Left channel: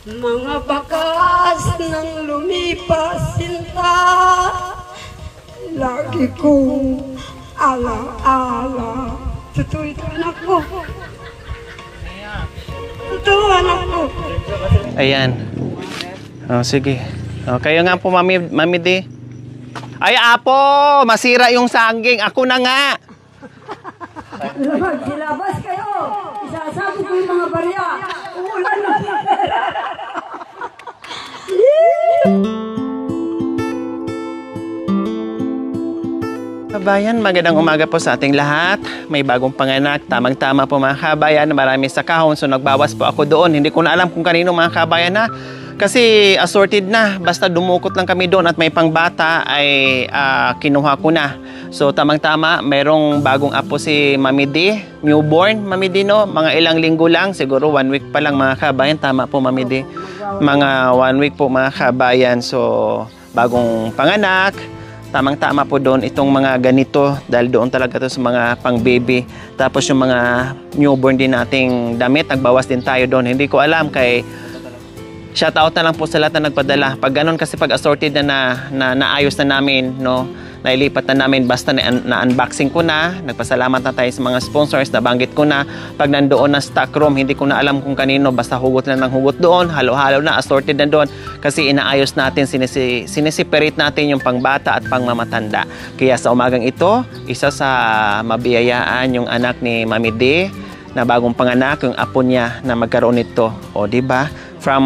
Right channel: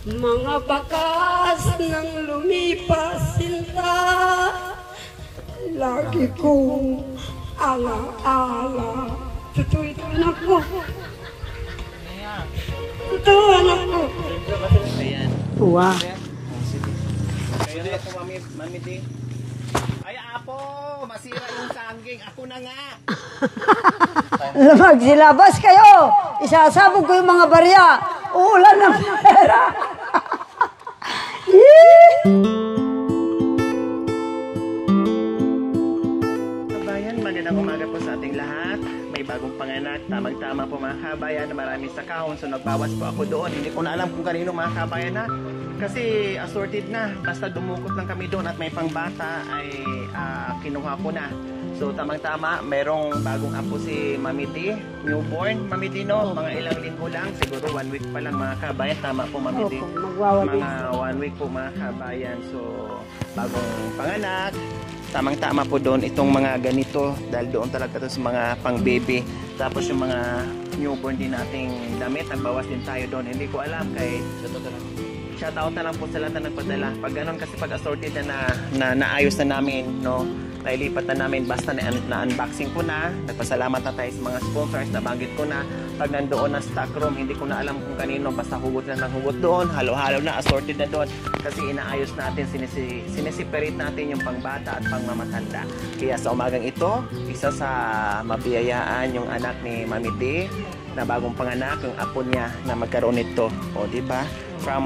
Mga bakas ng lumipas sinta, lagi kong ala-ala. Totoo ito, anak ko. Totoo, anak ko. Ayan. Wow. Oh, sige. Oh, kayo nga po, Mami D. Ay, Apo! Masira yung saging. Ako na nga. Magsilabas kayo. Isasabog ko yung mga barya. Uulan ng pera. Kabayan, magandang umaga po sa ating lahat. May bagong panganak. Tamang-tama po mga kabayan. Marami sa kahon. So nagbawas po ako doon. Hindi ko na alam kung kanino mga kabayan na. Kasi assorted na. Basta dumukot lang kami doon at may pangbata ay kinuha ko na. So tamang-tama, mayroong bagong apo si Mami D. Newborn, Mami D, no? Mga ilang linggo lang. Siguro 1 week pa lang mga kabayan. Tama po, Mami D. Mga 1 week po mga kabayan. So bagong panganak. Tamang-tama po doon itong mga ganito. Dahil doon talaga to sa mga pang-baby. Tapos yung mga newborn din nating damit. Nagbawas din tayo doon. Hindi ko alam kay... Shoutout na lang po sa lahat na nagpadala. Pag ganun kasi pag assorted na naayos na namin, no? Nailipat na namin basta na-unboxing ko na. Nagpasalamat na tayo sa mga sponsors. Nabanggit ko na. Pag nandoon na stock room, hindi ko na alam kung kanino. Basta hugot lang ng hugot doon. Halo-halo na, assorted na doon. Kasi inaayos natin, sinisiperate natin yung pangbata at pangmamatanda. Kaya sa umagang ito, isa sa mabiyayaan yung anak ni Mami D na bagong panganak, yung apo niya na magkaroon nito. O, diba? From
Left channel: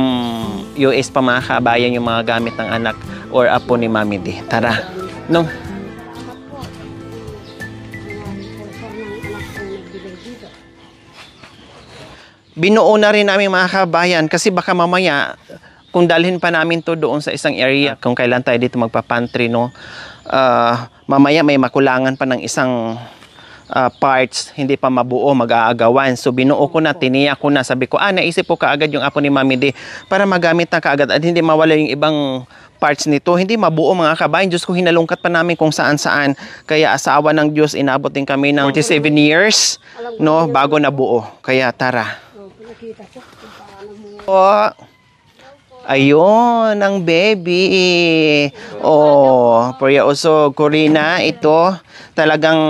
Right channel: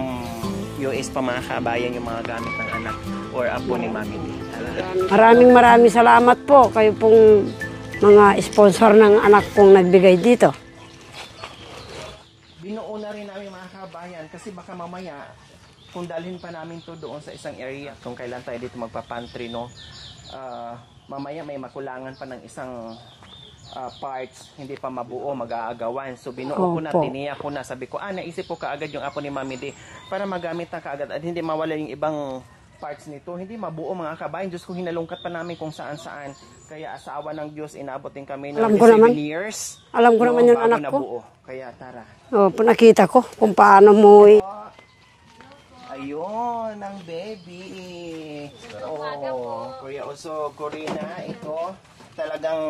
US pa mga kabayan yung mga gamit ng anak or apo ni Mami D. Tara. Maraming salamat po kayo pong mga sponsor ng anak kong nagbigay dito. Binuo na rin namin mga kabayan kasi baka mamaya kung dalhin pa namin to doon sa isang area kung kailan tayo dito magpa-pantry, no? Mamaya may makulangan pa ng isang parts, hindi pa mabuo, mag-aagawan. So binuo ko na, tiniyak ko na. Sabi ko, naisip ko kaagad yung apo ni Mami D para magamit na kaagad at hindi mawala yung ibang parts nito. Hindi mabuo mga kabayan. Diyos ko, hinalungkat pa namin kung saan-saan. Kaya asawa ng Diyos, inabot din kami ng 27 years, no, bago nabuo. Kaya tara. Nakita ko kung paano mo... Ayun, ang baby. Priya Usog, Corina, ito talagang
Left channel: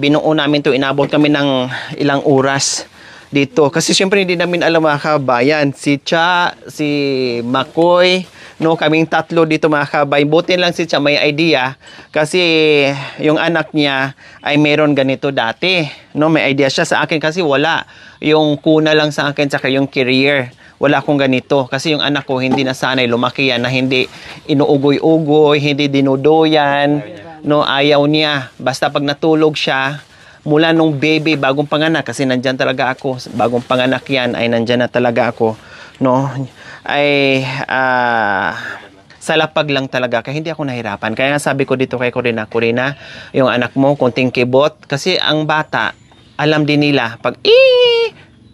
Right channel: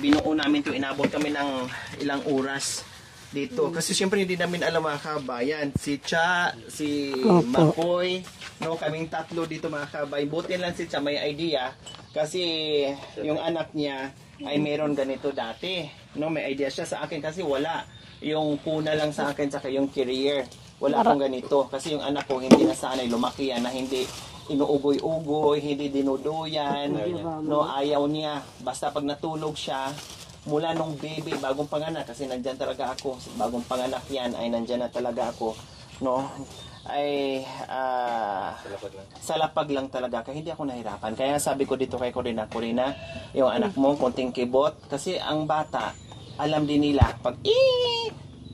binuo namin to, inabot kami ng ilang oras dito. Kasi syempre hindi namin alam mga kabayan. Si Cha, si Makoy, no, kaming tatlo dito mga kabayan. Buti lang si Cha may idea kasi yung anak niya ay meron ganito dati. No, may idea siya sa akin kasi wala. Yung kuna lang sa akin saka yung career. Wala akong ganito. Kasi yung anak ko hindi nasanay, lumaki yan na hindi inuugoy-ugoy, hindi dinudoyan, no, ayaw niya. Basta pag natulog siya, mula nung baby, bagong panganak, kasi nandyan talaga ako, bagong panganak yan, ay nandyan na talaga ako, no, ay, salapag lang talaga, kaya hindi ako nahirapan. Kaya nga sabi ko dito kay Corina, yung anak mo, kunting kibot, kasi ang bata, alam din nila, pag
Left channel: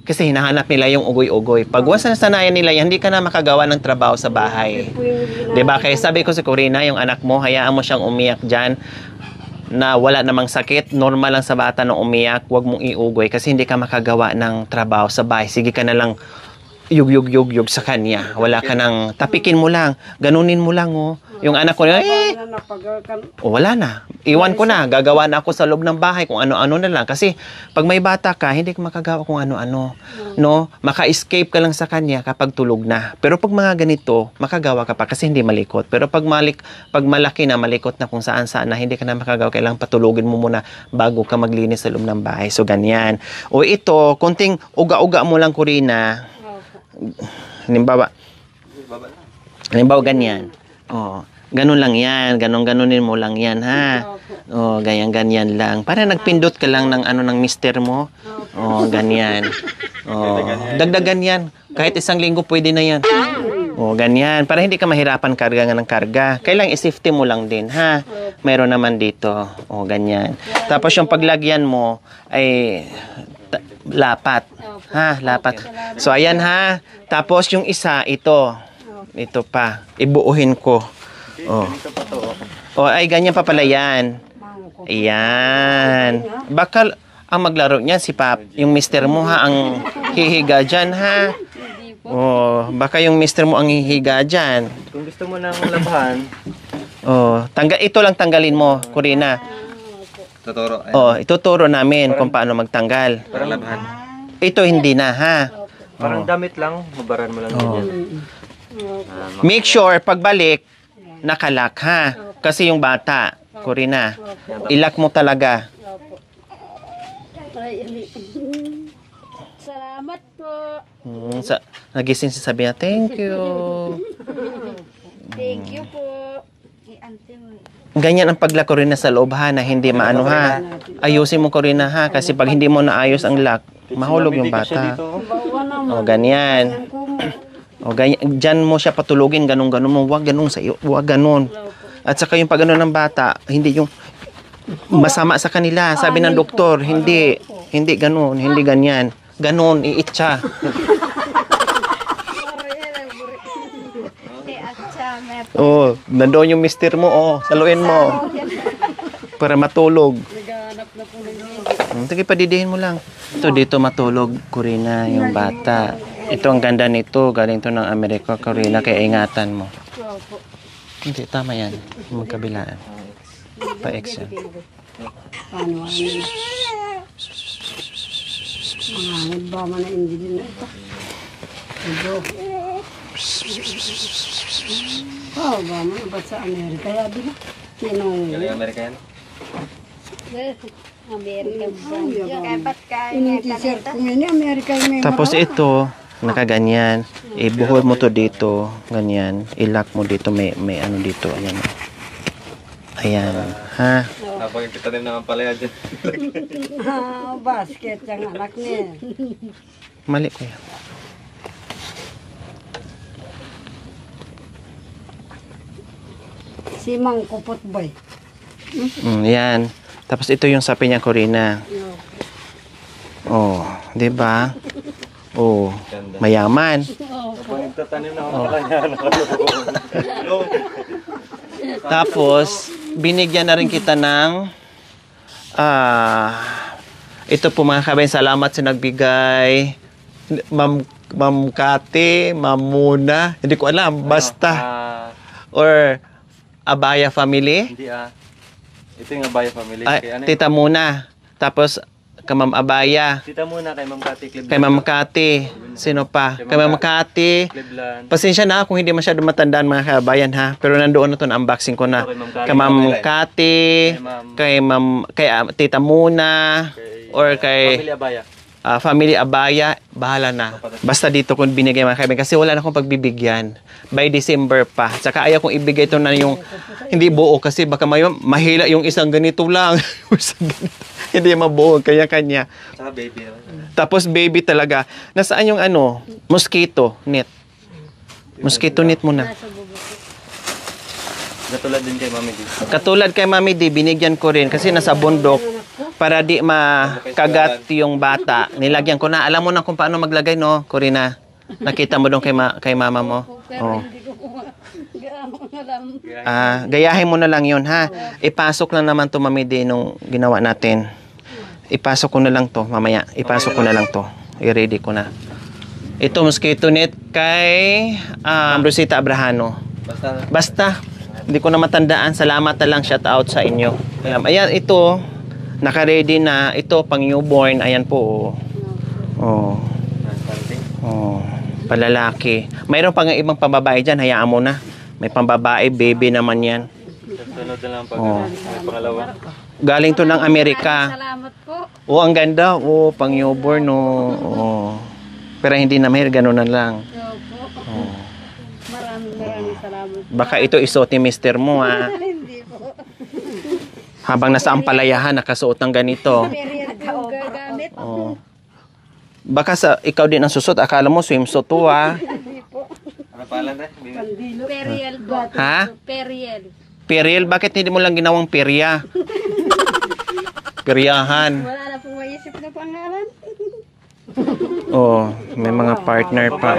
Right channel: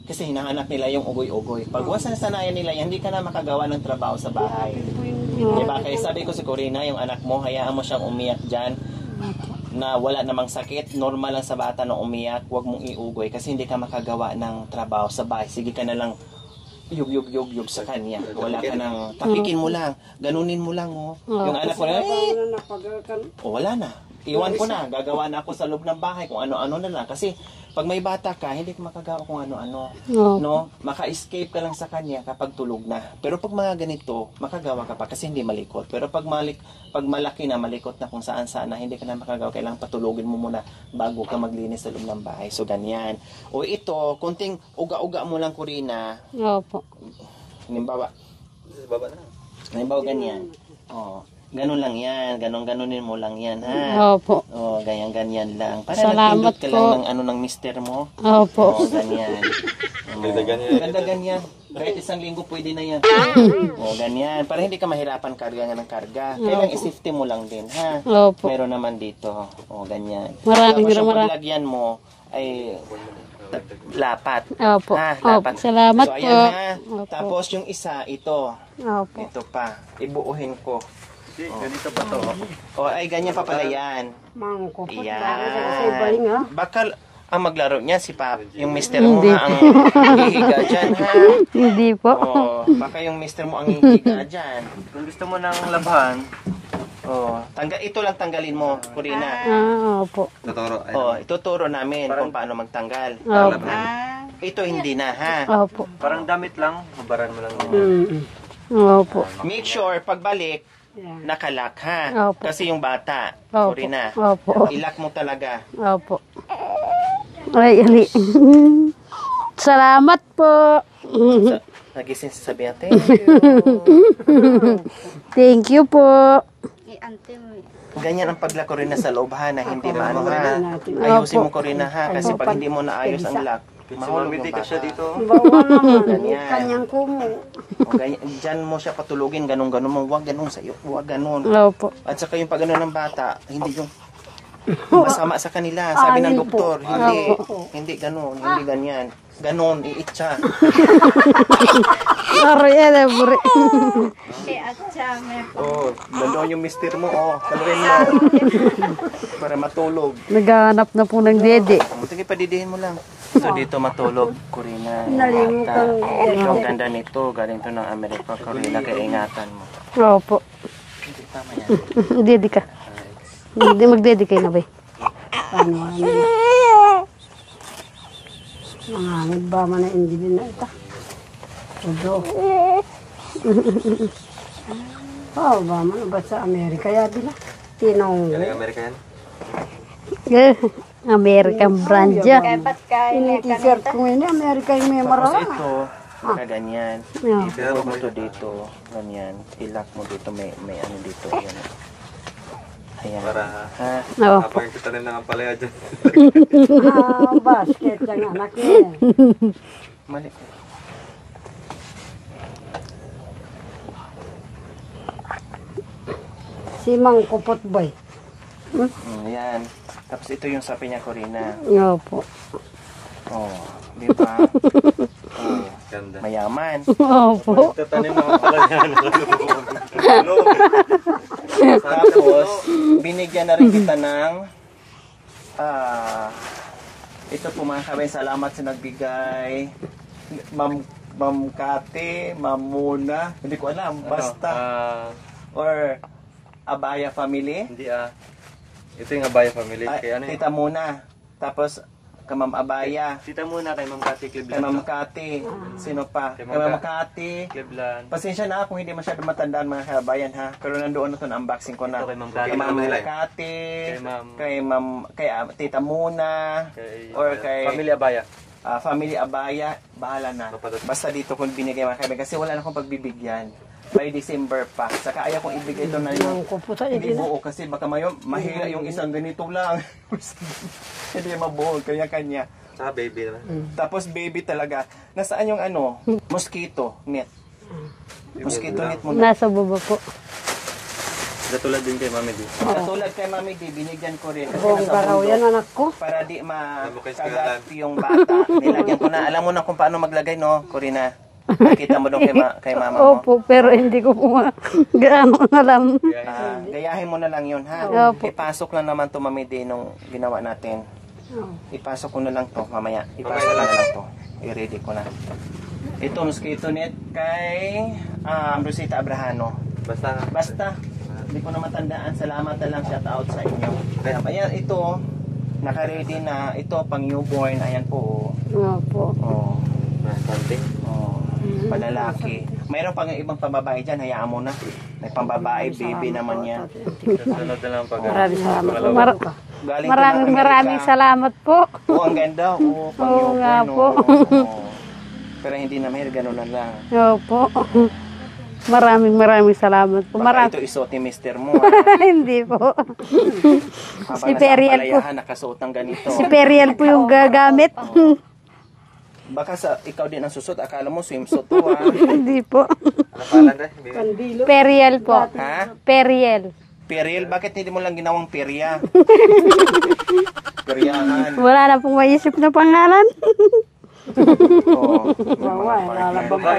kasi hinahanap nila yung ugoy-ugoy. Pag sanayan nila yan, hindi ka na makagawa ng trabaho sa bahay. Diba? Kaya sabi ko si Corina, yung anak mo, hayaan mo siyang umiyak dyan na wala namang sakit. Normal lang sa bata na umiyak. Huwag mong iugoy kasi hindi ka makagawa ng trabaho sa bahay. Sige ka na lang yug sa kanya. Wala ka nang tapikin mo lang. Ganunin mo lang, oh. Yung anak ko, wala na. Iwan ko na. Gagawa na ako sa loob ng bahay kung ano-ano na lang. Kasi pag may bata ka, hindi ka makagawa kung ano-ano. No? Maka-escape ka lang sa kanya kapag tulog na. Pero pag mga ganito, makagawa ka pa kasi hindi malikot. Pero pag malaki na, malikot na kung saan-saan na hindi ka na makagawa, kailangan patulogin mo muna bago ka maglinis sa loob ng bahay. So, ganyan. O ito, konting uga-uga mo lang, Corina. Halimbawa ganyan. Ganun lang yan. Ganunin mo lang yan, ha? Opo. Ganyan lang. Para nagpindot ka lang ng mister mo. Opo. Ganyan. Dagdagan yan. Kahit isang linggo pwede na yan. Ganyan. Para hindi ka mahirapan karga ng karga. Kailangan i-safety mo lang din, ha? Opo. Meron naman dito. Ganyan. Tapos yung paglagyan mo ay... lapat. Opo. Ha, lapat. Salamat so, ayan, po. ha. Opo. Tapos, yung isa, ito. Opo. Ito pa. Ibuuhin ko. Ganito pa to. Ay, ganyan pa pala yan. Ayan. Baka, Ang maglaro niya si Pap, yung mister mo ha, ang hihiga dyan ha. Hindi po. Oh, baka yung mister mo ang hihiga dyan. Kung gusto mo ng labahan, Oh, ito lang tanggalin mo, Corina. Opo. tuturo. Oh, ituturo namin kung paano magtanggal. Opo. Ito hindi na ha. Opo. Parang damit lang, mabaran mo lang. Opo. Make sure pagbalik nakalak ha. Opo. Kasi yung bata, Opo. Corina, Opo. ilak mo talaga. Opo. Ay, ali. Salamat po. Nagising si Sabina, thank you. Thank you po. Ganyan ang paglak Corina sa loob ha, na hindi maano ha. Ayusin mo Corina ha, kasi pag hindi mo naayos ang lock, mahulog yung bata. O ganyan. O ganyan, dyan mo siya patulugin, ganun mo, wag ganun sa iyo, wag ganun. Opo. At saka yung pag ng bata, hindi yung masama sa kanila. Sabi ng doktor, hindi ganun, hindi ganyan. Ganun, iitsa. Aray, buri. Oh, nandoon yung mister mo, oh, saluin mo. Para matulog. Naghahanap na po ng dede. Sige, padidihin mo lang. Ito dito matulog, Corina, yung bata. Ito ang ganda nito, galing to ng Amerika, Corina, kaya ingatan mo. Opo. Hindi, tama yan. Dede ka. Hindi magdede kayo na ba? Mga ba man na hindi din na ito. Oh, ba man ba sa Amerika ya din na. Galing American? American brand ya. Ini t-shirt ko ini Amerika yung may Tapos ito, nakaganyan. Ibuhol mo to dito, ganyan. Ilak mo dito, may ano dito, ayan. Ayan, ha? Opo. Yung kita rin naman pala yan dyan. Basket yung anak niya. Mali ko yan. Si Mang Kupot Boy. Yan. Tapos ito yung sapi niya, Corina. Opo. Oh, di ba? Oh, mayaman. Opo. Tatanim na ako yan. Tapos, binigyan na rin kita ng ito po mga kabayan, salamat sa nagbigay. Ma'am Kati, Ma'am Muna, hindi ko alam, basta. Or Abaya family. Hindi ito yung Abaya family. Ay, Kaya ano Tita Muna. Tapos, ka Ma'am Abaya. Tita muna kay Ma'am Kati Cleveland. Kay Ma'am Kati. Sino pa? Kay Ma'am Kati. Cleveland. Pasensya na kung hindi masyado matandaan mga kabayan ha. Pero nandoon na to na unboxing ko na. Kay Ma'am Kati, kay Tita Muna, or kay Family Abaya. Family Abaya, bahala na. Basta dito kung binigay mga kaibigan. Kasi wala na akong pagbibigyan. By December pa. Tsaka ayaw kong ibigay ito na yung hindi buo kasi baka mahila yung isang ganito lang. Hindi mabuo, kanya-kanya. Tsaka baby. Tapos baby talaga. Nasaan yung mosquito net? Mosquito net muna. Nasa baba po. Natulad din kay Mami D. Katulad kay Mami D, binigyan ko rin kasi nasa bundok para di makagat yung bata. Nilagyan ko na. Alam mo na kung paano maglagay, no, Corina? Nakita mo doon kay mama mo? Opo, pero hindi ko po gaano alam. Gayahin mo na lang yun, ha? Ipasok lang naman to Mami D nung ginawa natin. Ipasok ko na lang to mamaya. Ipasok ko na lang to. I-ready ko na. Ito, mosquito net kay Rosita Abrahano. Basta, hindi ko na matandaan. Salamat na lang, shout out sa inyo. Ayan, ito, naka-ready na. Ito, pang newborn. Ayan po. Opo. Oh. Palalaki. Mayroon pa nga ibang pambabae dyan. Hayaan mo na. May pambabae, baby naman yan. Galing to ng Amerika. Maraming salamat po. Oh, ang ganda. Oh, pang newborn. Oh. Pero hindi na mahir, ganun na lang. Opo. Maraming salamat po. Baka ito isuot ni mister mo, ha? Hindi po. Habang nasa ampalayahan, nakasuot ng ganito. Si Periel po yung gagamit. Baka ikaw din ang susot. Akala mo swimsuit to, ha? Hindi po. Ano pala na? Periel po. Ha? Periel. Periel? Bakit hindi mo lang ginawang perya? Peryahan. Wala na pong maisip na pangalan. Oh, may mga partner pa.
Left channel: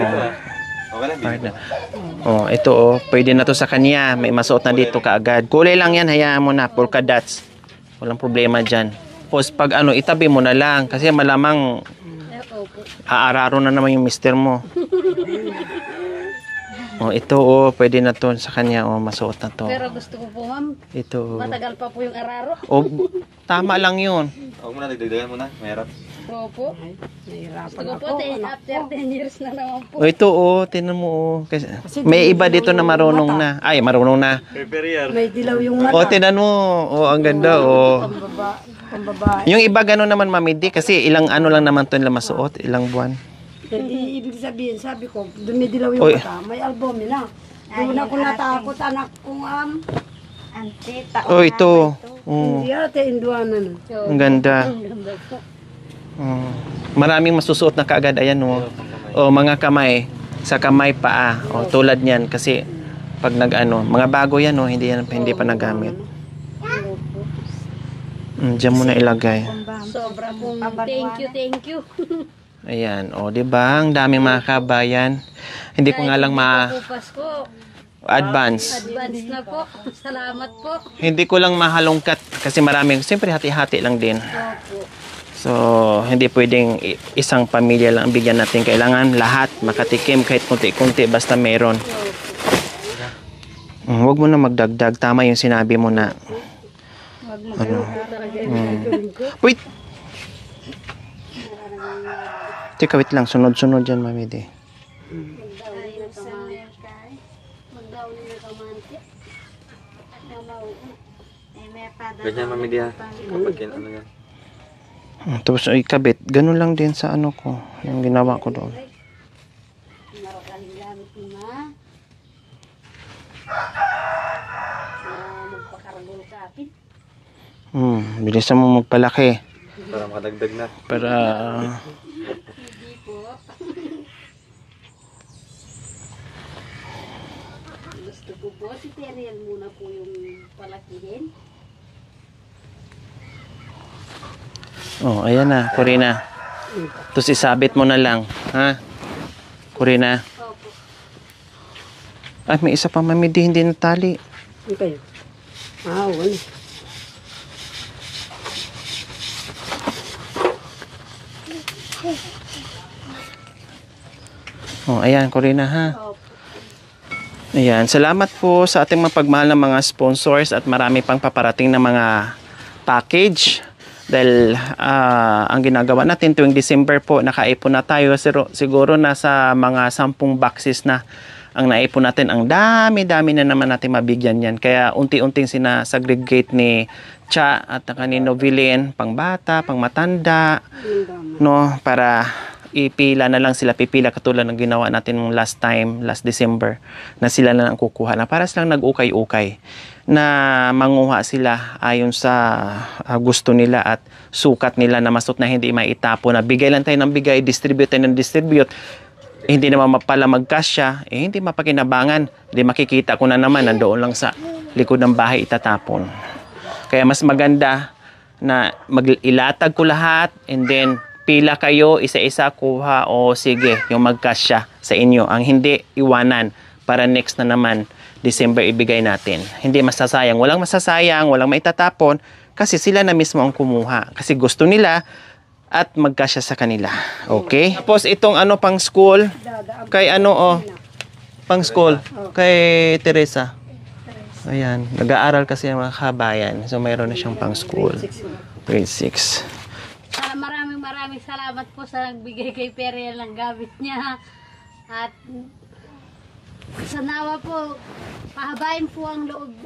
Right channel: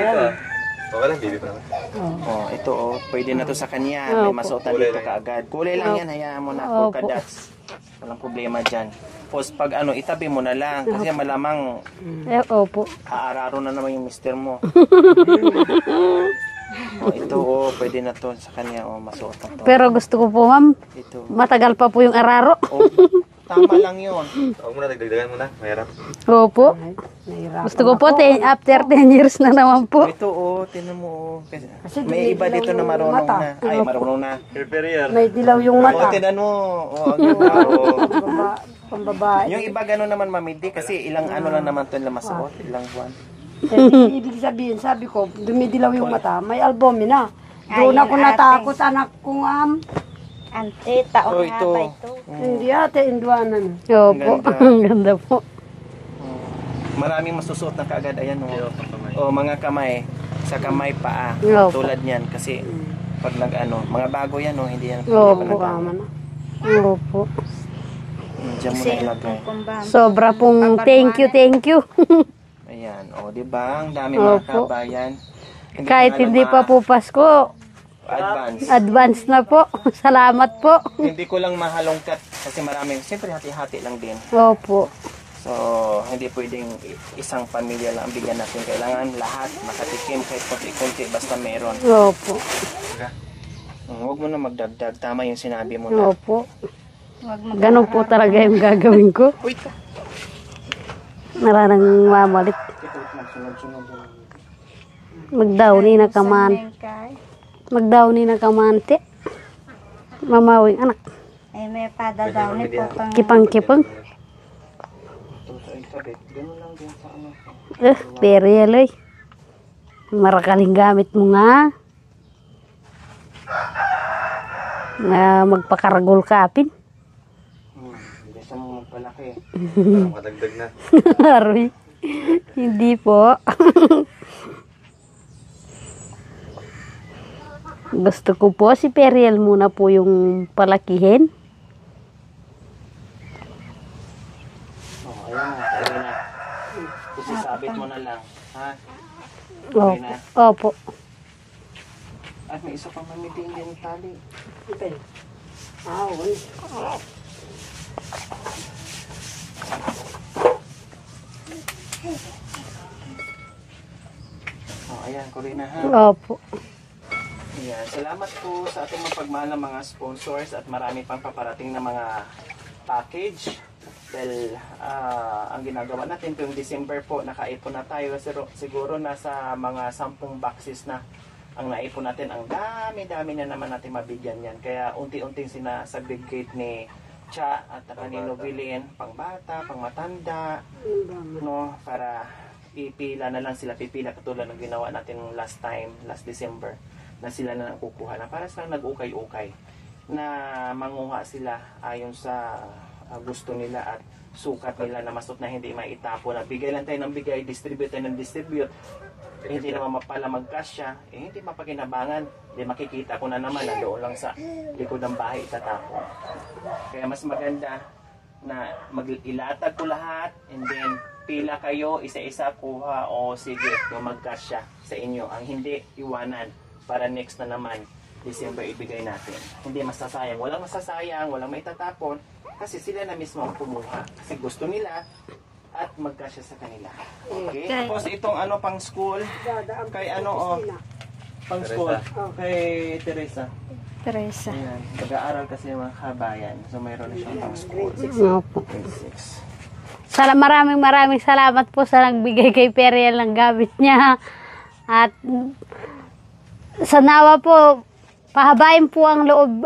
Okay lang, baby. Oh, ito oh, pwede na to sa kanya. May masuot na dito kaagad. Kulay lang yan, hayaan mo na. Polka dots. Walang problema dyan. Tapos pag itabi mo na lang kasi malamang Opo. aararo na naman yung mister mo. Ito pwede na to sa kanya masuot na to. Pero gusto ko po, ma'am, Ito. matagal pa po yung araro. Tama lang yun. Huwag mo na, dagdagan mo na. Mahirap. Opo. Gusto ko po, after 10 years na naman po. Ito tinan mo Kasi, may iba dito na marunong na. Ay, marunong na. May dilaw yung mata. Tinan mo. Ang ganda Ang babae. Yung iba gano'n naman mamidi kasi ilang lang naman to nila masuot, ilang buwan. Ibig sabihin, sabi ko, dumidilaw yung mata, may albumin na. Doon ako natakot, anak kong ito. Hindi ate, induanan. Ang ganda. Ang ganda po. Maraming masusuot na kaagad. Ayan mga kamay. Sa kamay paa. Tulad niyan. Kasi pag mga bago yan hindi pa nagamit. Opo. Diyan mo na ilagay. Sobra pong thank you. Ayan. Diba? Ang dami mga kabayan. Hindi ko Kahit nga lang hindi pa po Pasko, advance. advance na po. Salamat po. Hindi ko lang mahalongkat kasi maraming, siyempre hati-hati lang din. Opo. So, hindi pwedeng isang pamilya lang ang bigyan natin. Kailangan lahat makatikim kahit kunti-kunti basta meron. Opo. Huwag mo na magdagdag. Tama yung sinabi mo na. Opo. Ganun po talaga yung gagawin ko. Wait! Mararang mamalit. Teka, wait lang. Sunod-sunod dyan, Mami Di. Magdawni na kaman. Magdawni na kamante. Mamawing anak. Ay, may padadawin po pang... Kipang-kipang. Tapos ikabit. Ganun lang din sa ko. Ang ginawa ko. Perial eh. Marakaling gamit mo nga. Magpakaragol kapin. Bilisan mo magpalaki. Para makadagdag na. Para... Hindi po. Gusto ko po si Periel muna po yung palakihin. ayan na. Corina. Tapos isabit mo na lang. Ha? Corina. Opo. Ay, may isa pa, Mami Di. Hindi natali. Okay. Wala. Ayan, Corina, ha? Opo. Ayan, salamat po sa ating mga pagmahal ng mga sponsors at marami pang paparating na mga package. Dahil ang ginagawa natin tuwing December po, nakaipon na tayo. Siguro nasa mga 10 boxes na ang naipon natin. Ang dami-dami na naman natin mabigyan yan. Kaya unti-unting sinasegregate ni Cha at kanino Vilin, pang bata, pang matanda, no, para ipila na lang sila, pipila katulad ng ginawa natin last December, na sila na lang kukuha na para silang nag-ukay-ukay na manguha sila ayon sa gusto nila at sukat nila na masot na hindi maitapo na bigay lang tayo ng bigay, distribute tayo ng distribute, hindi naman mapala magkasya, hindi mapakinabangan, hindi makikita ko na naman nandoon lang sa likod ng bahay itatapon. Kaya mas maganda na ilatag ko lahat and then pila kayo, isa-isa kuha o sige, yung magkasya sa inyo. Ang hindi, iwanan para next na naman December ibigay natin. Hindi masasayang. Walang masasayang, walang maitatapon kasi sila na mismo ang kumuha. Kasi gusto nila at magkasya sa kanila. Okay? Tapos itong pang school, kay pang school, kay Teresa. Ayan, nag-aaral kasi ang mga kabayan. So mayroon na siyang pang school. Opo. Grade 6. Maraming salamat po sa nagbigay kay Periel ng gamit niya. At sa nawa po, pahabain po ang loob,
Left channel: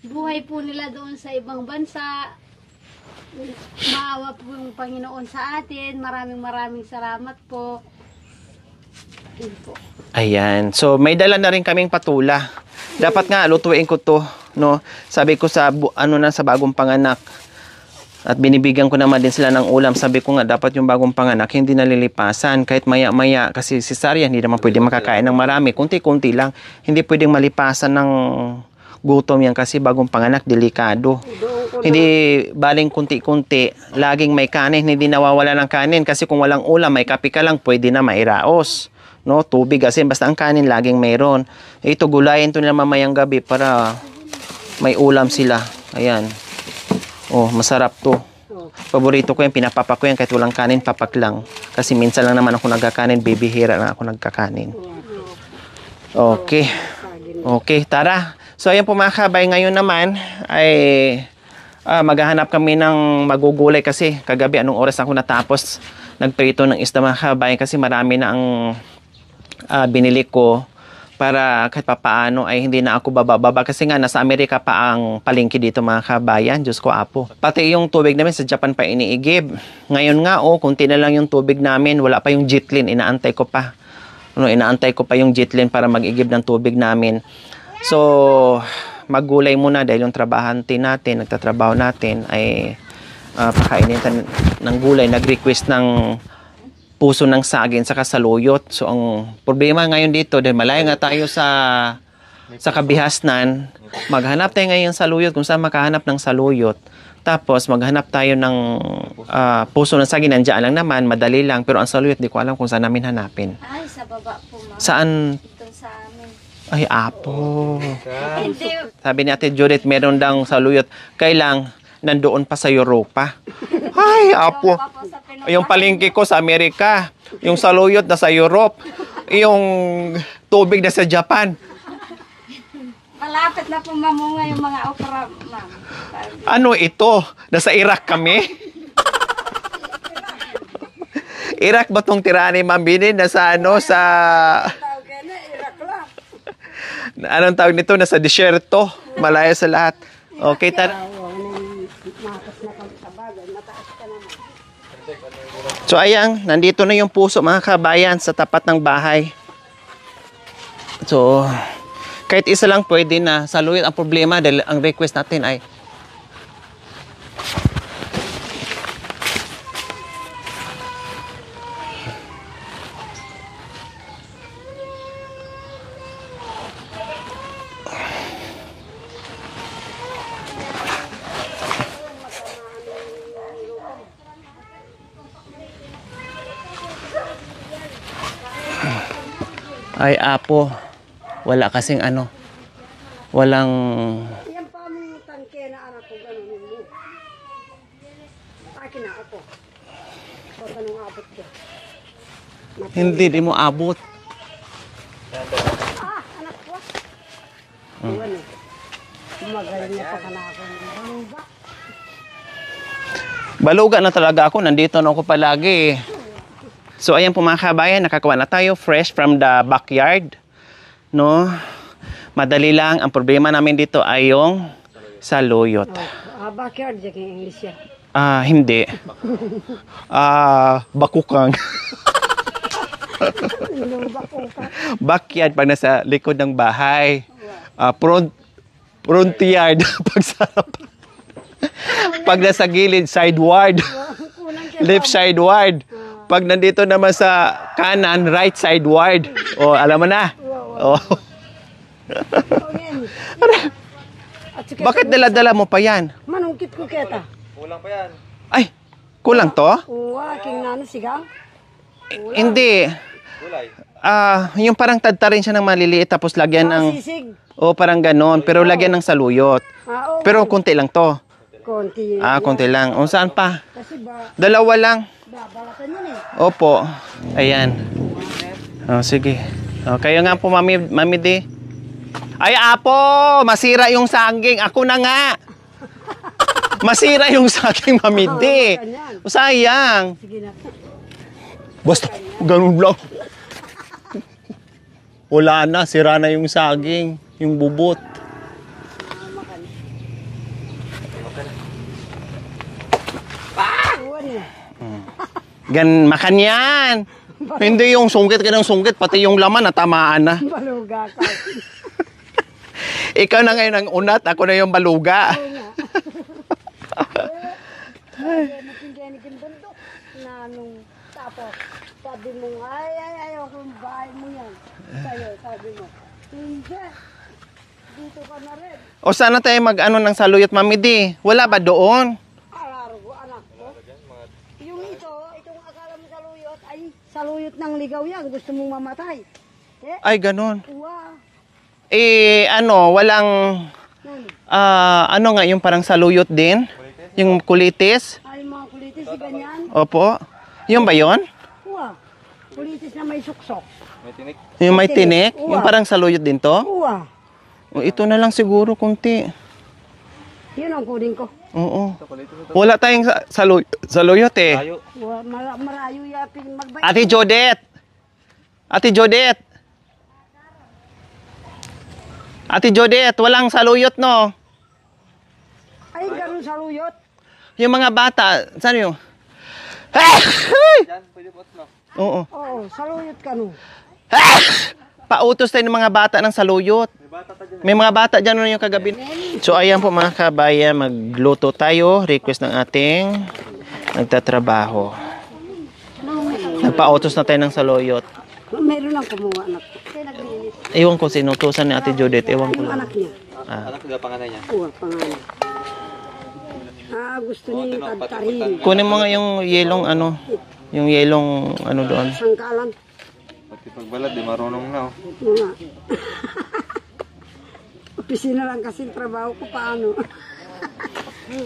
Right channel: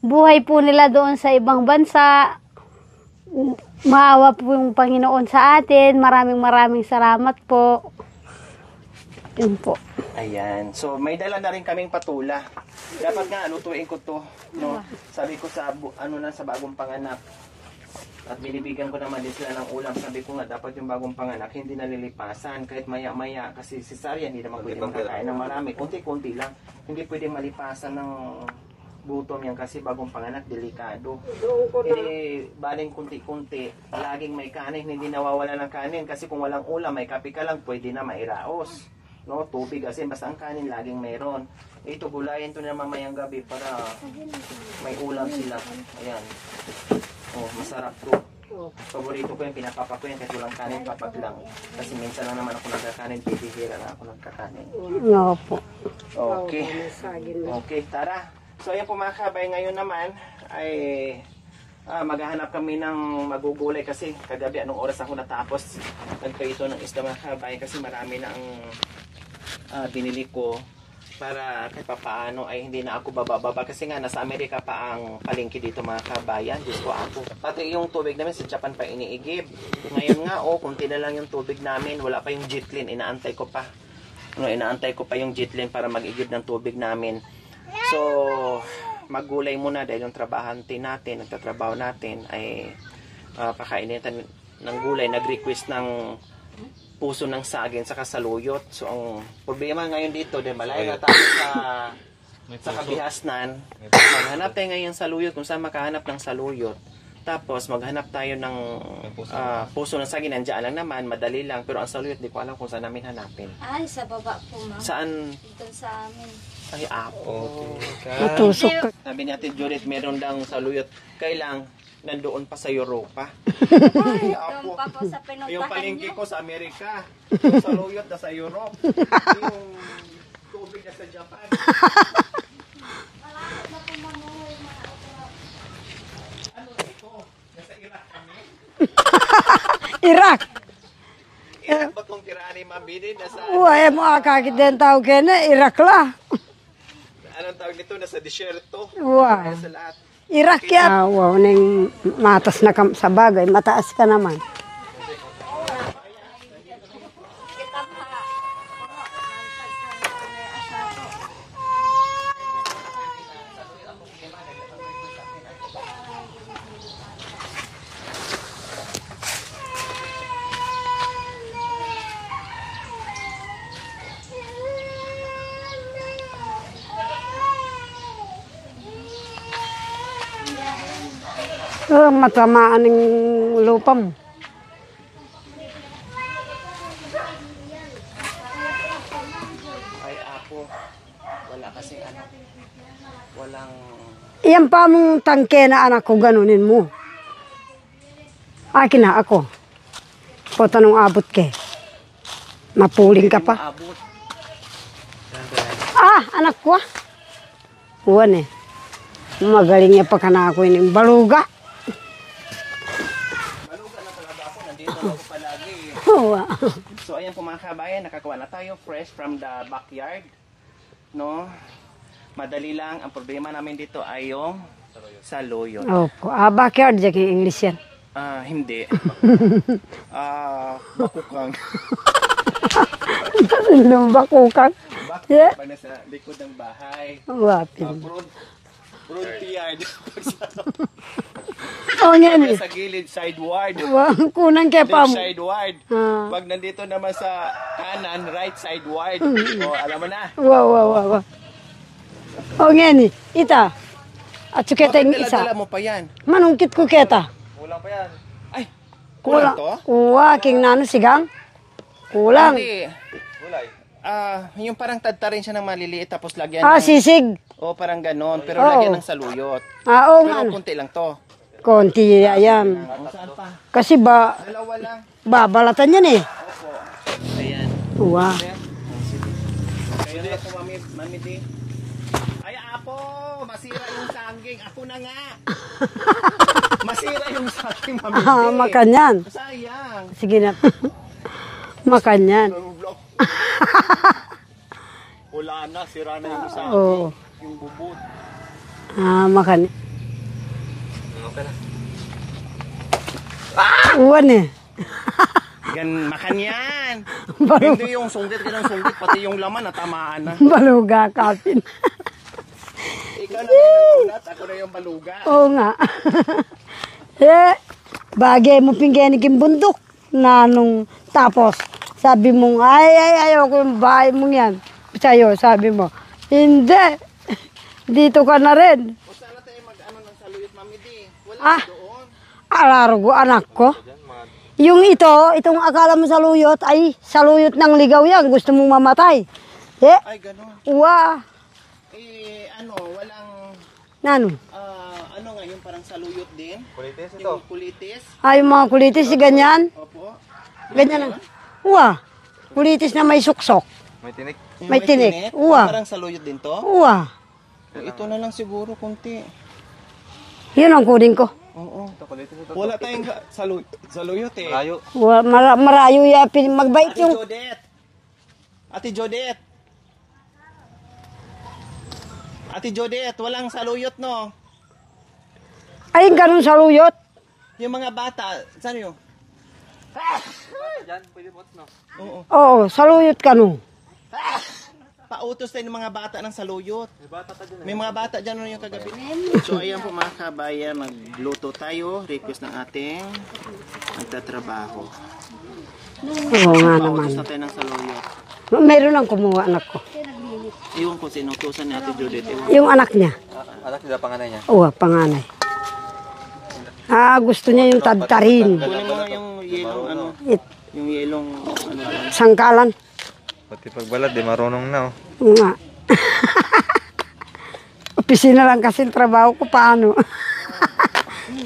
buhay po nila doon sa ibang bansa. Maawa po yung Panginoon sa atin. Maraming salamat po. Yun po. Ayan. So, may dala na rin kaming patula. Dapat nga, lutuin ko to, no? Sabi ko sa, sa bagong panganak. At binibigyan ko naman din sila ng ulam. Sabi ko nga, dapat yung bagong panganak, hindi nalilipasan. Kahit maya-maya, kasi cesarean, hindi naman pwede makakain ng marami. Kunti-kunti lang. Hindi pwedeng malipasan ng gutom yan kasi bagong panganak, delikado. Hindi baling kunti-kunti, laging may kanin, hindi nawawala ng kanin. Kasi kung walang ulam, may kape ka lang, pwede na mairaos. No, tubig kasi basta ang kanin laging mayroon. Ito gulayin to nila mamayang gabi para may ulam sila. Ayan. Oh, masarap to. Oh. Paborito ko yan, pinapapa ko yan kahit walang kanin, papak lang. Kasi minsan lang naman ako nagkakanin, bibihira na ako nagkakanin. Opo. Okay. Okay, tara. So ayan po mga kabay, ngayon naman ay maghahanap kami ng magugulay kasi kagabi anong oras ako natapos nagprito ng isda mga kabay kasi marami na ang binili ko para kahit papaano ay hindi na ako bababa kasi nga nasa Amerika pa ang palengke dito mga kabayan. Diyos ko apo. Pati yung tubig namin sa Japan pa iniigib. Ngayon nga kunti na lang yung tubig namin. Wala pa yung jitlin. Inaantay ko pa. Inaantay ko pa yung jitlin para mag-igib ng tubig namin. So, maggulay muna dahil yung trabahante natin, nagtatrabaho natin ay pakainin ng gulay. Nag-request ng puso ng saging saka saluyot. So ang problema ngayon dito dahil malayo nga tayo sa kabihasnan, maghanap tayo ngayon ng saluyot kung saan makahanap ng saluyot. Tapos maghanap tayo ng puso ng saging, nandiyan lang naman, madali lang, pero ang saluyot di ko alam kung saan namin hanapin. Ay, sa baba po, ma'am. Saan? Doon sa amin. Ay, apo. Natusok. Sabi ni Ate Judith, meron daw saluyot. Kailang nandoon pa sa Europa. Ay, apo. Yung palengke ko sa Amerika. Yung saluyot na sa Europe. Yung tubig na sa Japan. Malapit na po mamunga yung mga okra, ma'am. Ano ito? Nasa Iraq kami? Iraq. Iraq ba itong tirahan ni Ma'am Bini? Nasa ano Uy, sa... mga kagityan tao kaya na, Iraq la. Anong tawag nito? Nasa disyerto. Malaya sa lahat. Iraq Okay, yan. Wow, nang matas na sa bagay, mataas ka naman. So ayan, nandito na yung puso mga kabayan sa tapat ng bahay. So, kahit isa lang pwede na. Saluyot ang problema dahil ang request natin ay Matamaan ng lupa mo. ay apo. Wala kasing ano. Walang... Iyan pa mong tangke na anak ko, ganunin mo. Akin na ako. Po tanong abot ke. Mapuling Hindi ka mo pa. abot. Anak ko. Uwan Magaling niya pa ka na ako yung baluga. Baluga na talaga ako. Nandito na ako palagi. Oo. So ayan po mga kabayan, nakakuha na tayo fresh from the backyard. No? Madali lang. Ang problema namin dito ay yung saluyot. Backyard dyan yung English yan. Hindi. Bakukang. Lumbakukan. Backyard pag nasa likod ng bahay. What? Front yard pag sa pag yan nasa gilid sideward. Kunang kaya Left sideward. Pag nandito naman sa kanan, right sideward. Alam mo na. Wow. Ngayon ita. At Bakit dala-dala mo pa yan? Manungkit ko keta. Kulang pa yan. Ay, kulang to? King nano sigang. Kulang. Hindi. Gulay. Yung parang tadta rin siya ng maliliit tapos lagyan ng... Sisig. parang ganon. Pero lagyan ng saluyot. Oo. Pero konti lang to. Konti yan. Konti lang. Saan pa? Kasi Dalawa lang. babalatan yan Opo. Ayan. Wow. Sige. Kayo nga po, Mami D. Ay, apo! Masira yung saging. Ako na nga. Masira yung saging, Mami D. Makanyan. Sayang. Sige na. Makanyan. Ganun lang. Wala na. Sira na yung saging. Yung bubot. Makan. Uwan Makan yan. Hindi yung sungkit ka ng sungkit. Pati yung laman natamaan na. Baluga kapin. Ikaw na ngayon ang unat. Ako na yung baluga. Oo nga. Bagay mo pinggan yung bundok. Tapos, sabi mo, ayaw ko yung bahay mo yan. Sa'yo, sabi mo, hindi. Dito ka na rin. O sana tayo mag-ano ng saluyot, Mami D. Wala ba doon? Alaro anak ko. Yung itong akala mo saluyot, ay saluyot ng ligaw yan. Gusto mong mamatay. Ay, ganun. Uwa. Walang... Nano? ano nga, yung parang saluyot din? Yung kulitis? Ay, yung mga kulitis, ganyan. Opo. Yung ba yun? Uwa. Kulitis na may suksok. May tinik. Yung may May tinik. tinik? Uwa. Yung parang saluyot din to? Uwa. O, ito na lang siguro, kunti. Yun ang kunin ko. Oo. Wala tayong saluyot eh. Tayo. Uwa, marayo ya, magbait Ate yung- Jodette! Ate Jodette! Ate Jodette, walang saluyot, no? Ay, ganun sa luyot. Yung mga bata, saan yung? Oo. Oo, saluyot ka no. Pautos tayo ng mga bata ng saluyot. May mga bata dyan na yung kagabi. So ayan po mga kabayan, magluto tayo. Request ng ating nagtatrabaho. Oo nga. Pautos na tayo ng saluyot. Meron ang kumuha, anak ko. Ewan ko sinutusan ni Ate Judith. Ewan ko. Yung anak niya. Anak sila panganay niya. Oo, panganay. Gusto niya yung tadtarin. Kunin mo nga yung yelong ano. Yung yelong ano doon. Sangkalan. Pati pagbalad, di marunong na oh. Oo nga. Opisina lang kasi yung trabaho ko, paano?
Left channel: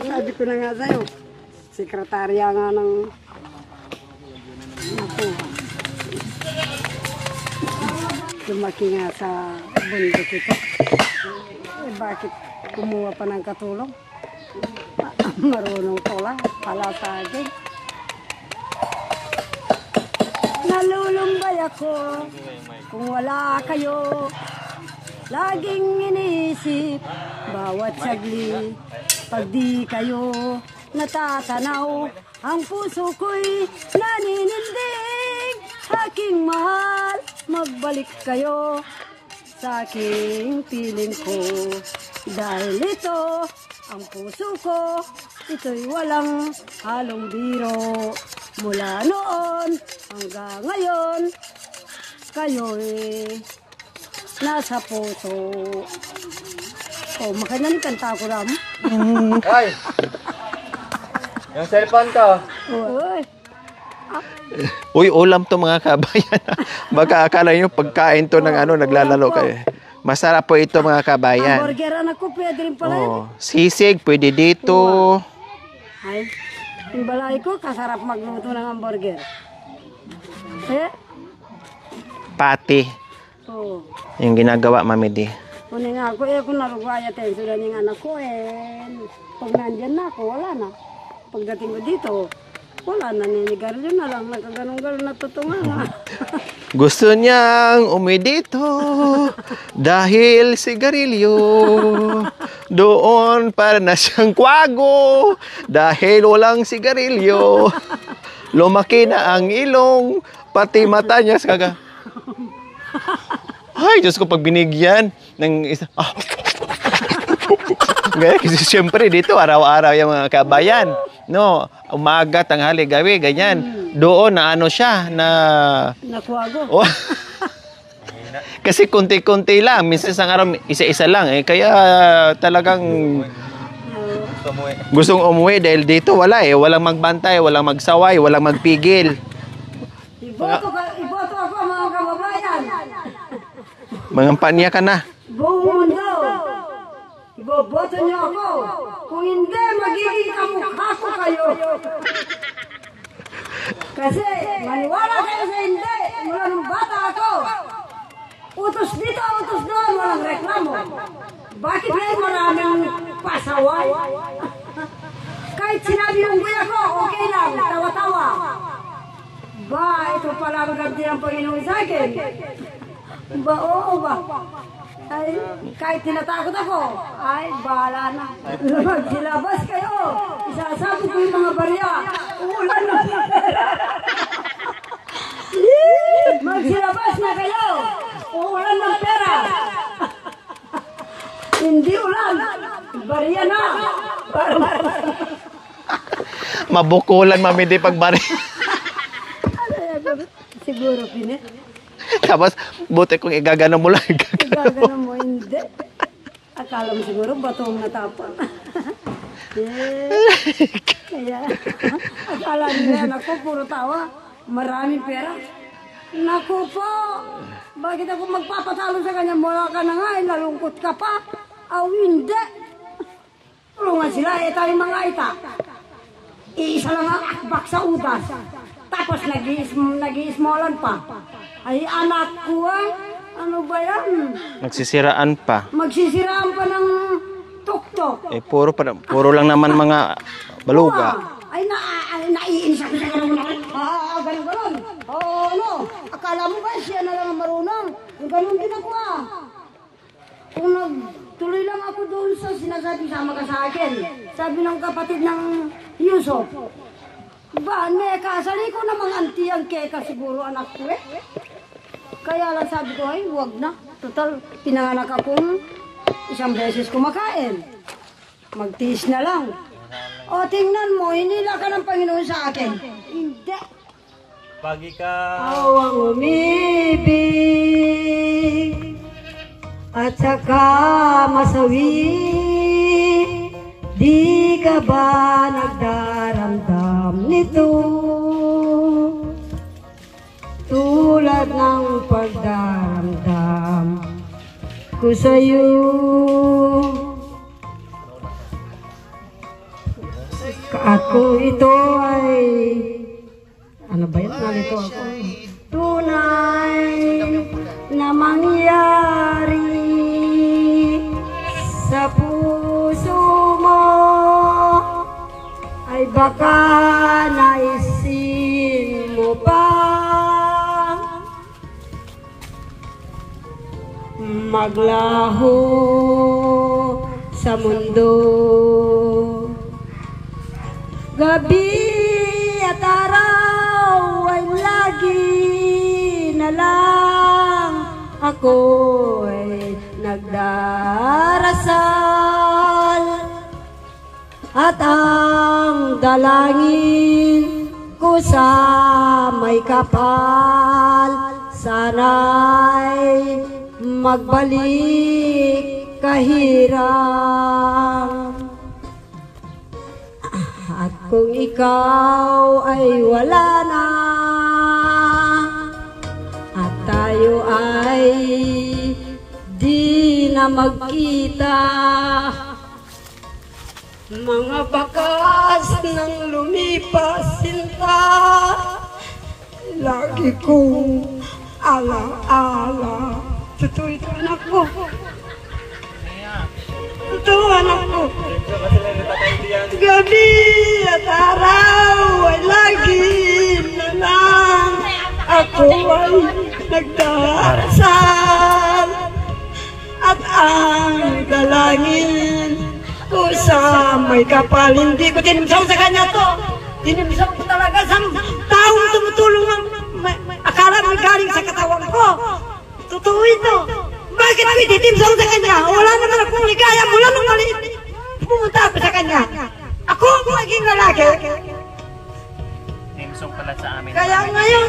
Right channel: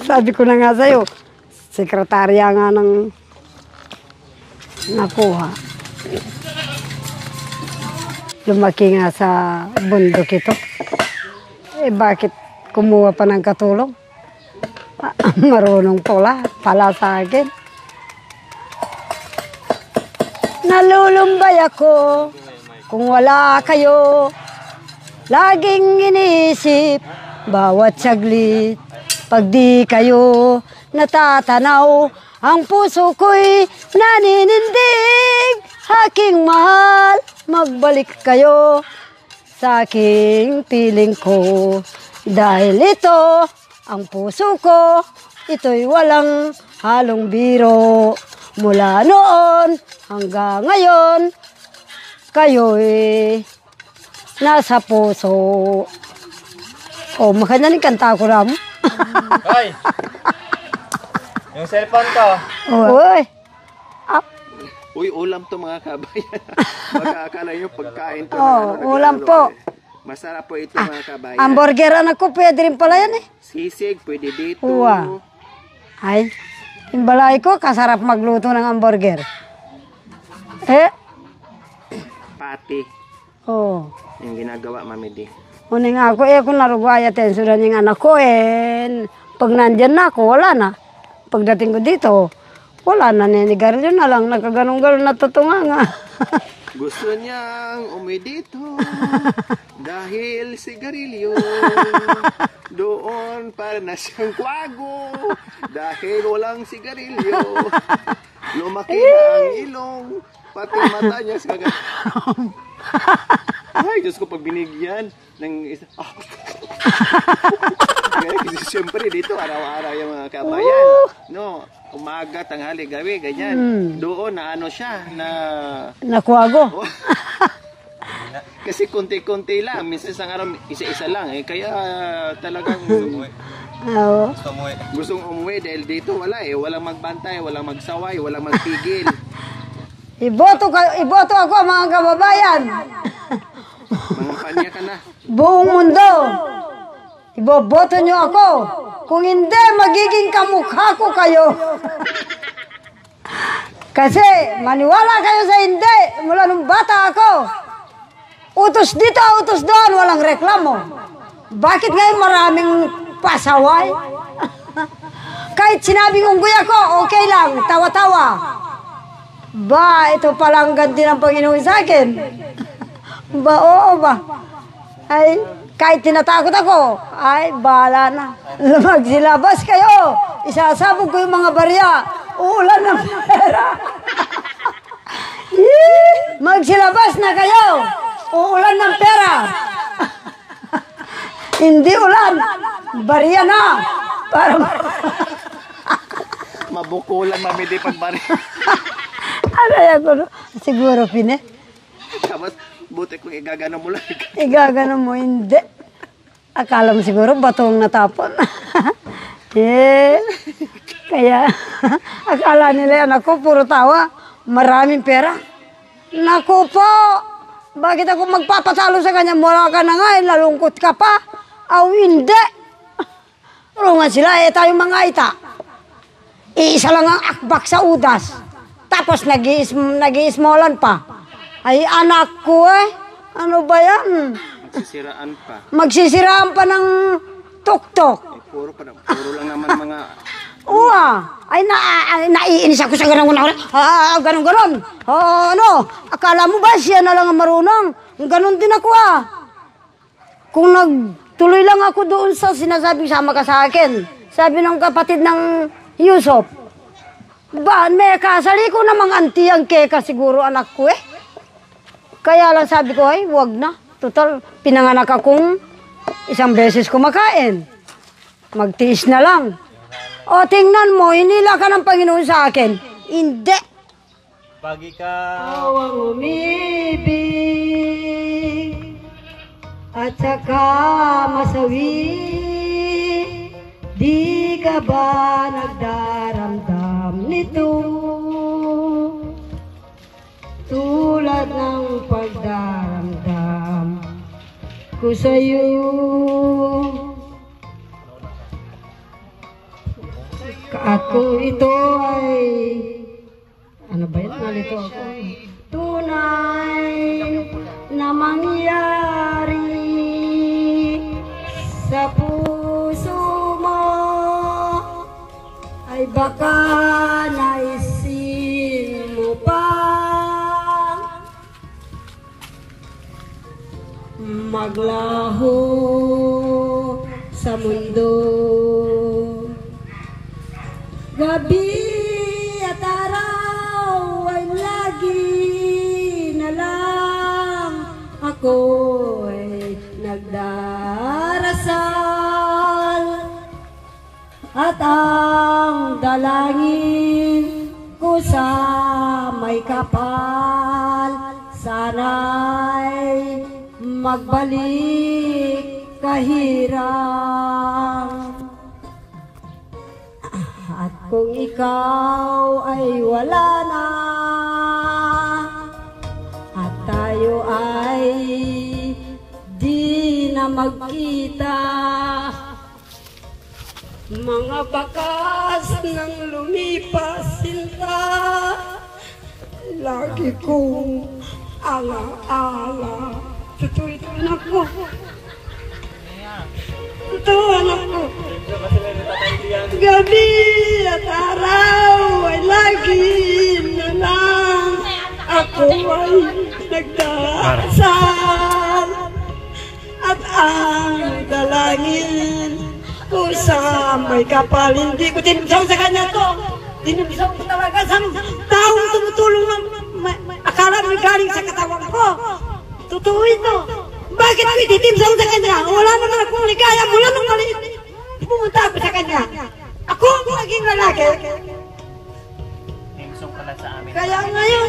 Sabi ko na nga sa'yo, sekretarya nga ng nakuha. Lumaki nga sa bundok ito. Eh bakit kumuha pa ng katulong? Marunong pala sa akin. Nalulumbay ako kung wala kayo. Laging iniisip bawat saglit. Pag di kayo natatanaw, ang puso ko'y naninindig. Aking mahal, magbalik kayo sa aking piling ko. Dahil ito, ang puso ko, ito'y walang halong biro. Mula noon hanggang ngayon, kayo'y nasa puso. Oh, makanya kanta ko ram. Ay! Yung cellphone ko. Uy, Uy, ulam to mga kabayan. Baka akala nyo pagkain to ng ano, ulam naglalaro po. kayo. Masarap po ito mga kabayan. hamburger anak ko, pwede rin pala yan eh. Oo. Sisig, pwede dito. Uwa. Ay, yung balay ko, kasarap magluto ng hamburger. Pati. Oh. Yung ginagawa, Mami Di. Uning ako, kung narugaya tensuran yung anak ko, pag nandyan na ako, wala na. Pagdating ko dito, wala na, ninigarilyo na lang, nakaganong-ganon na tutunganga. Gusto niyang umuwi dito dahil sigarilyo. Doon para na siyang kwago dahil walang sigarilyo. Lumaki na ang ilong, pati mata niya. Ay, Diyos ko, pag binigyan ng isa. Kasi siyempre dito, araw-araw yung mga kabayan. No, umaga, tanghali, gabi, ganyan. Doon na ano siya, na... Nakuha ko. Oh. Kasi konti-konti lang, minsan isang araw, isa-isa lang. Kaya talagang Oo. Gusto mo eh. gustong umuwi dahil dito wala walang magbantay, walang magsaway, walang magpigil. Iboto ako mga kababayan. Mga panya ka na. Buong mundo. Iboboto niyo ako. Kung hindi, magiging kamukha ko kayo. Kasi maniwala kayo sa hindi. Mula nung bata ako. Utos dito, utos doon, walang reklamo. Bakit ngayon maraming pasaway? Kahit sinabing unggoy ako, okay lang, tawa-tawa. Ba, ito palang ganti ng Panginoon sa akin. Ba, oo ba? Ay, kahit tinatakot ako, ay, bahala na. Magsilabas kayo. Isasabog ko yung mga barya. Uulan ng pera. Magsilabas na kayo. Uulan ng pera. Hindi ulan. Barya na. Para Mabukulan, Mami Di, pag bari. ano yan? Siguro, Pine. Tapos, buti kung igagano mo lang. Igagano mo, hindi. Akala mo siguro batong natapon. Kaya, akala nila yan ako, puro tawa. Maraming pera. Naku po, bakit ako magpapatalo sa kanya? Mula ka na nga, nalungkot ka pa. Aw, hindi. Tulungan sila, tayong mga ita. Iisa lang ang akbak sa udas. Tapos nag-iismolan pa. Ay, anak ko ano ba yan? Nagsisiraan pa. Magsisiraan pa ng tuktok. Puro lang naman mga baluga. Ay, naiinis ako sa ganun. Ganun. Ano? Akala mo ba siya na lang ang marunong? Ganun din ako Kung nagtuloy lang ako doon sa sinasabing sama ka sa akin. Sabi ng kapatid ng Yusuf, kasali ko namang anti ang keka siguro anak ko Kaya lang sabi ko, wag na. Total, pinanganak akong isang beses kumakain. Magtiis na lang. O, tingnan mo, hinila ka ng Panginoon sa akin. Hindi. Pag ikaw Awang umibig at saka masawi, di ka ba nagdaramdam nito? Tulad ng pagdaramdam ko sa'yo. At kung ito ay ano ba yan? Nalito ako. Tunay na mangyari sa puso mo ay baka naisin mo pa maglaho sa mundo. Gabi at araw ay lagi na lang ako ay nagdarasal at ang dalangin ko sa may kapal sana'y magbalik kahirap. At kung ikaw ay wala na at tayo ay di na magkita, mga bakas ng lumipas sinta, lagi kong ala-ala. Totoo ito, anak ko. Totoo, anak ko. Gabi at araw ay lagi na lang ako ay nagdarasal at ang dalangin ko sa may kapal. Hindi ko tinimsaw sa kanya to. Tinimsaw ko talaga sa taong tumutulong ang akala mo galing sa katawan ko. Totoo ito. Bakit ko ititimsaw sa kanya? Wala naman akong ligaya mula nung maliit. Pumunta ako sa kanya. Ako ang naging lalaki. Timsong pala sa amin. Kaya ngayon,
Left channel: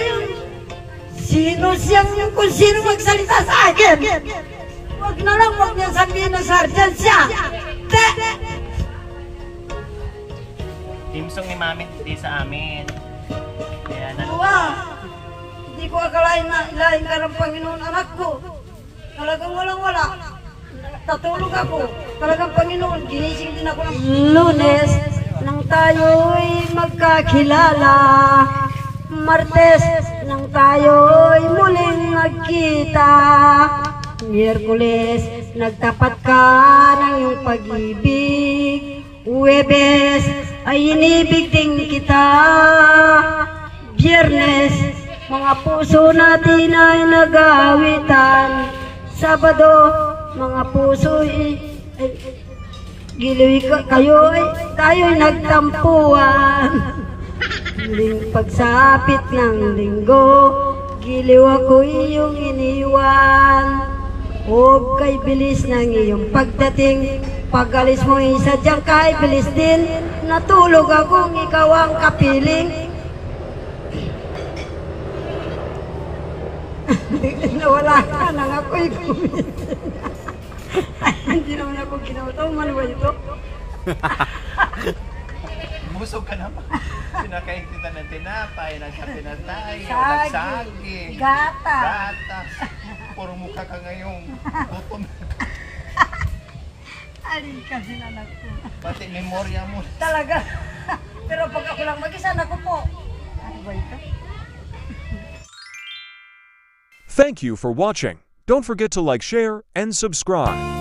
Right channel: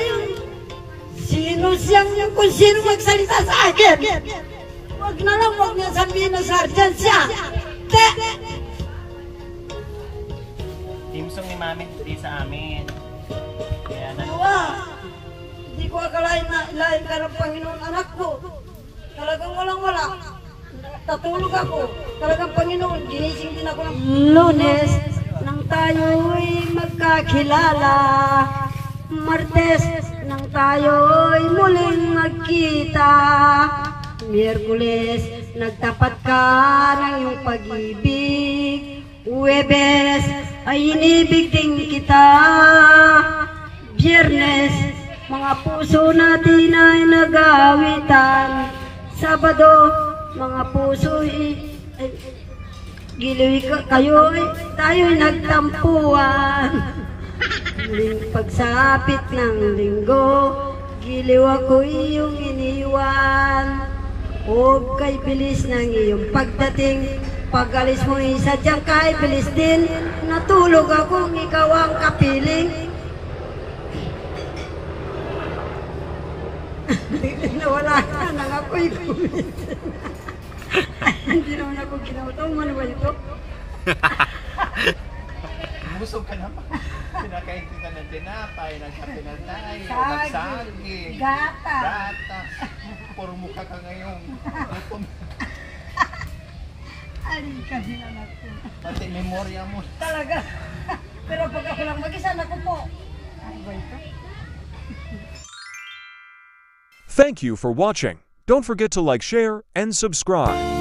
sino siyang kung sino magsalita sa akin? Huwag na lang, huwag niya sabihin na sarjan siya. Timsong ni Mami hindi sa amin. Kaya Hindi ko akalain na ilahin ka ng Panginoon anak ko. Talagang walang-wala. Tatulog ako. Talagang Panginoon, ginising din ako ng Lunes nang tayo'y magkakilala. Martes nang tayo'y muling magkita. Miyerkules, nagtapat ka ng iyong pag-ibig. Huwebes, ay inibig din kita. Biyernes, mga puso natin ay nag-aawitan. Sabado, mga puso giliw tayo'y nagtampuan. Muling pagsapit ng linggo, giliw ako iyong iniwan. Huwag kay bilis ng iyong pagdating, pag-alis mo sadyang kay bilis din. Natulog akong ikaw ang kapiling. Nawala ka nang ako'y kumitin. Hindi naman ako ginawataw, manuwa ito. Busog ka naman. Sinakain kita ng tinapay, nagkape na tayo, Saging, magsaging, gatas. Puro mukha ka ngayong gutom. Alin kasi anak ko. Pati memorya mo. Talaga. Pero pag ako lang mag-isa, naku po. Ano ba ito? Thank you for watching. Don't forget to like, share, and subscribe.